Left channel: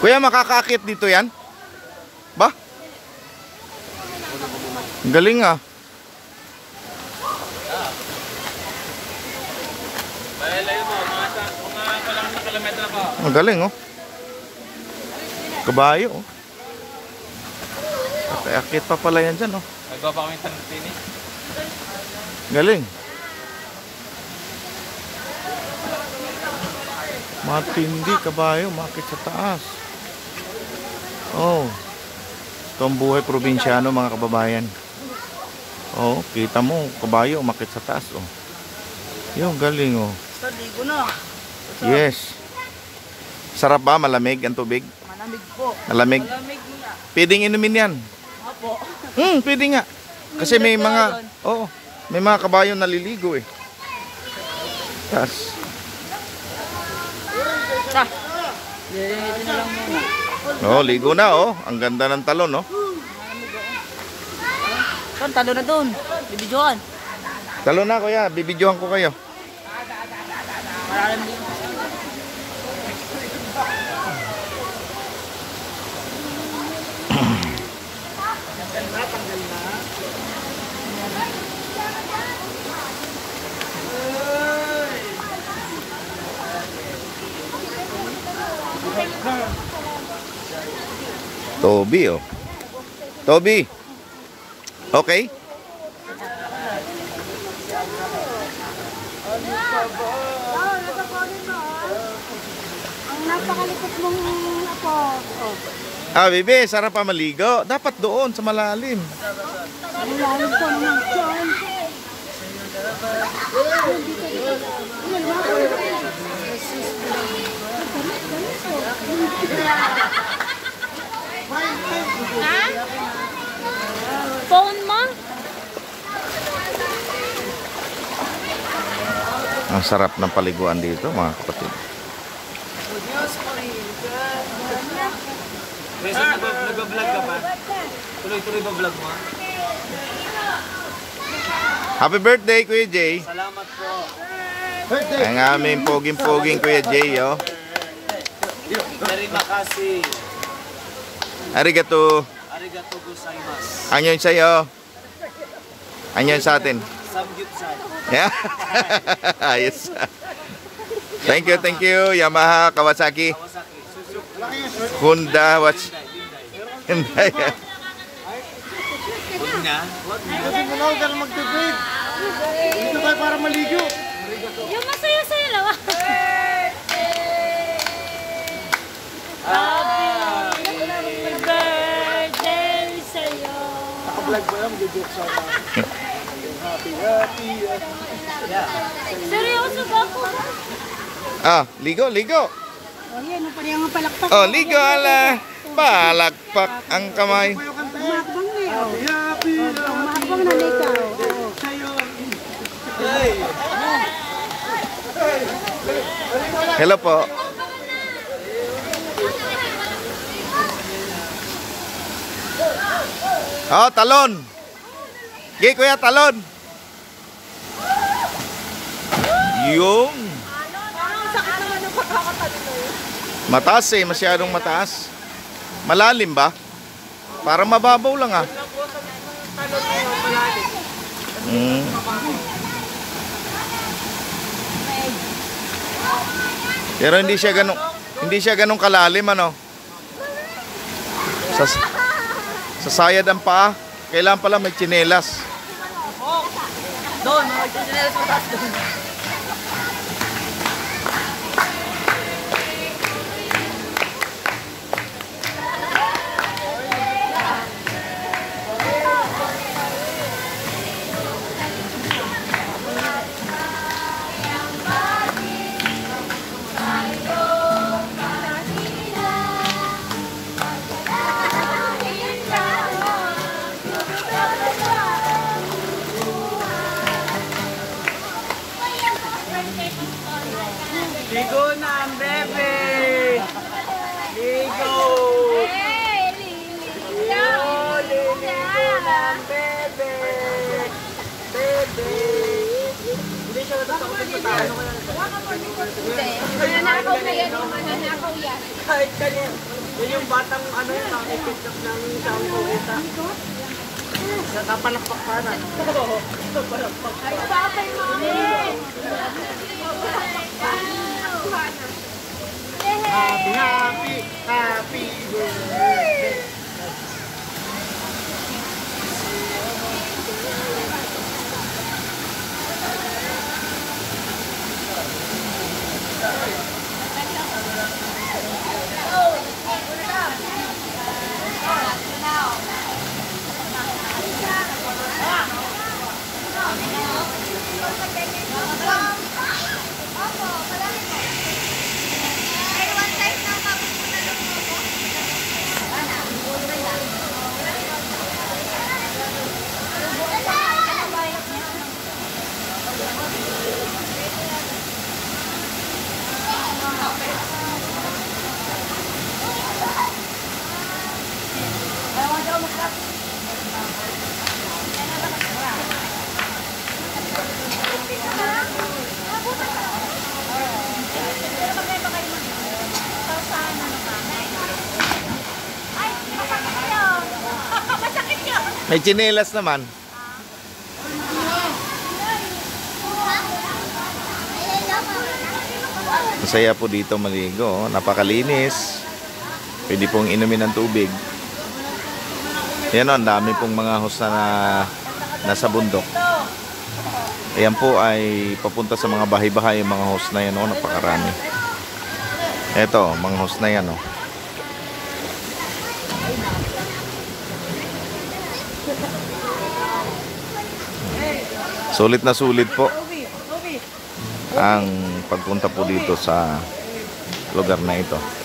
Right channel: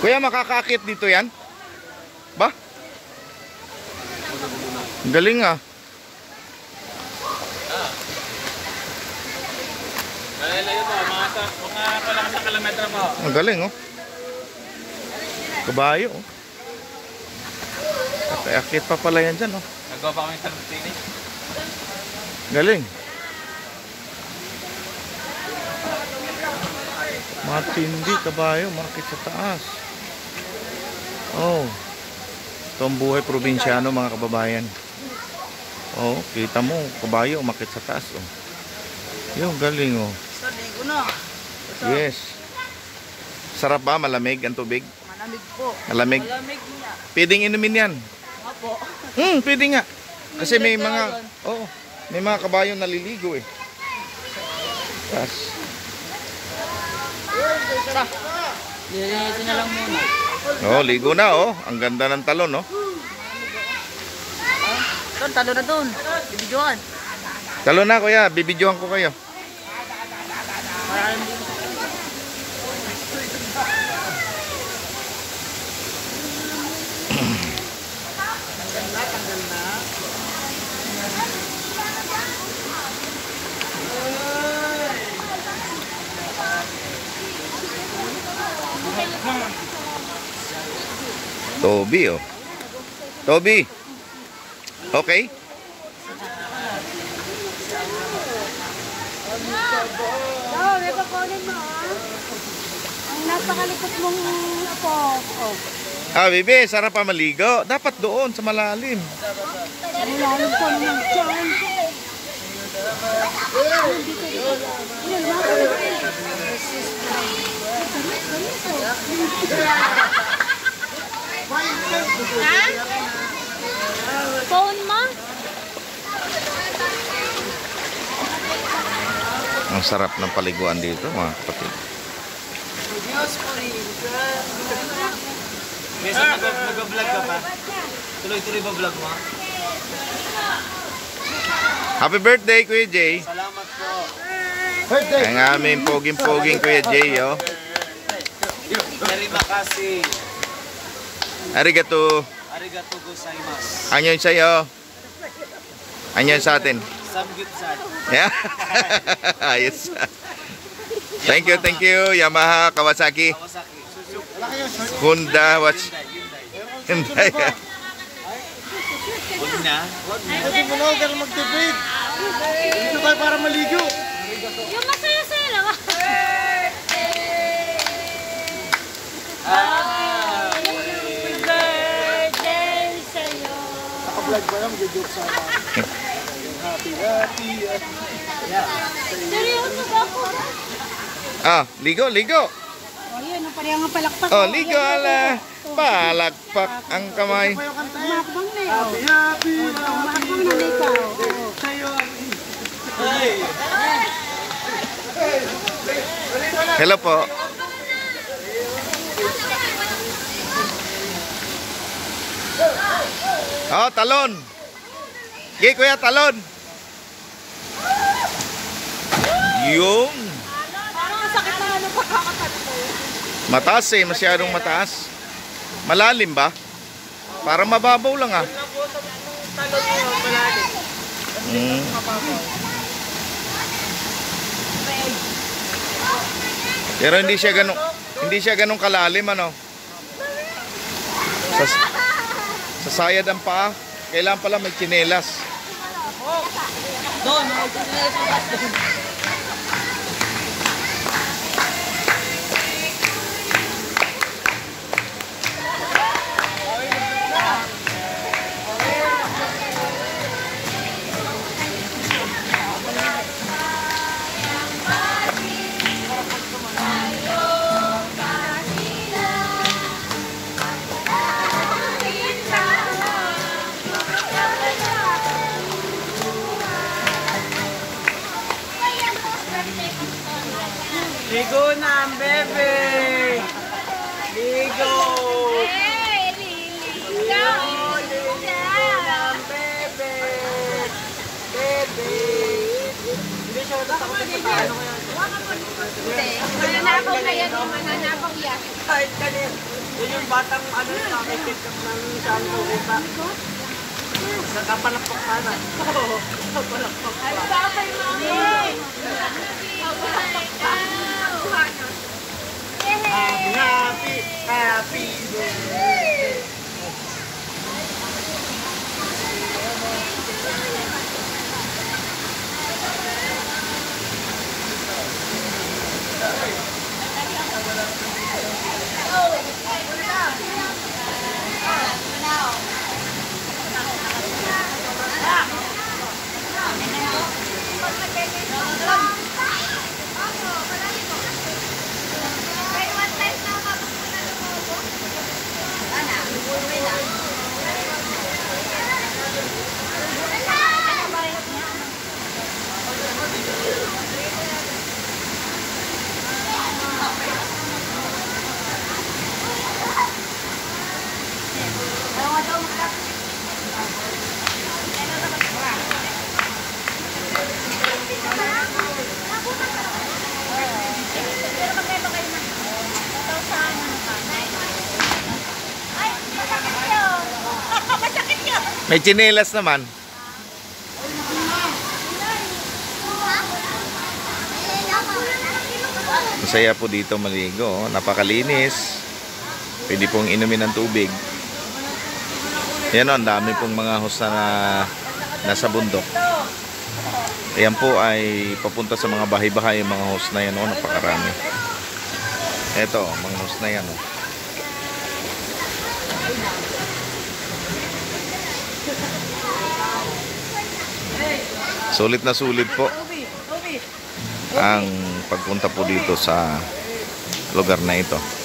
Kuya, makakaakit dito yan? Ba? Ang galing ah. Ang galing oh. Kabayo oh. Kakayakit pa pala yan dyan oh. Nagawa pa kami sa training. Galing. Matindi kabayo, makit sa taas. Oh. Ito ang buhay probinsyano mga kababayan. Oh, kita mo, kabayo, makit sa taas oh. Yung galing oh. Ligo na. Yes. Sarap ba? Malamig ang tubig? Malamig po. Malamig? Malamig nga. Pwedeng inumin yan. Opo. Pwede nga. Kasi may mga, oo, may mga kabayo naliligo eh. Tas. Ito na lang muna. Oh, ligo na oh. Ang ganda ng talon oh. Doon, talo na doon. Bibidyoan. Talon na kuya, bibidyohan ko kayo. Toby oh. Toby. Okay. May papunin mo ang napakalikot mong apo. Ah, bebe, sarap pa maligo. Dapat doon sa malalim. Malalim ko naman dyan. Ha? Phone mo? Ang sarap ng paliguan dito mga kapatid. Minsan nag-vlog ka pa? Tuloy-tuloy ba vlog mo? Happy birthday Kuya Jay. Salamat po. Ang aming poging-poging Kuya Jay oh. Very makasi. Arigato. Arigato gozaimasu. Anyon sa'yo. Anyon sa atin. Samgyupsal. Yeah. Ayos. Thank you. Yamaha, Kawasaki, Kawasaki. Honda, what's Hyundai. Huwag na. Kasi mo na, huwag mag-debate. Dito tayo para maligo. Yung masaya-saya naman. Happy Birthday sa'yo. Naka-vlog ba lang, joke sa happy. Seryoso ba ako? Ah, ligo. Oh, yan. Ang parehang ang palakpak. Oh, ligo ala. Palakpak ang kamay. Umakbang na eh. Oh. Happy. Umakbang na ikaw. Oo. Hello po. Oh, talon. Gay kuya, talon. Yung mataas eh, masyadong mataas. Malalim ba? Para mababaw lang ah. Pero hindi siya ganun kalalim ano. Sa sayad ang paa, kailangan pala may tsinelas. Doon, mag-tsinelas ang taas doon. Ligo na ang bebe! Ligo! Hey, Lili! Ligo na ang bebe! Bebe! Hindi siya natatakot sa paano kaya. Mananakaw na yan, mananakaw yan. Kahit kanina. Yung batang ano yung nakikip ng saan ko kita. Nakapalakpak ka na. Nakapalakpak ka. Ano ba kayo mga? Napalakpak pa. Nakuha na. Happy, happy, happy day. Pero magkaiba kayo man. 1,000 ano ka? Ay, masakit yun. Masakit yun. May tsinelas naman. Masaya po dito maligo. Napakalinis. Pwede pong inumin ng tubig. Yan o, ang dami pong mga host na nasa bundok. Ayan po ay papunta sa mga bahay-bahay yung mga host na yan o, napakarami. Eto, mga host na yan o. Sulit na sulit po ang pagpunta po dito sa lugar na ito.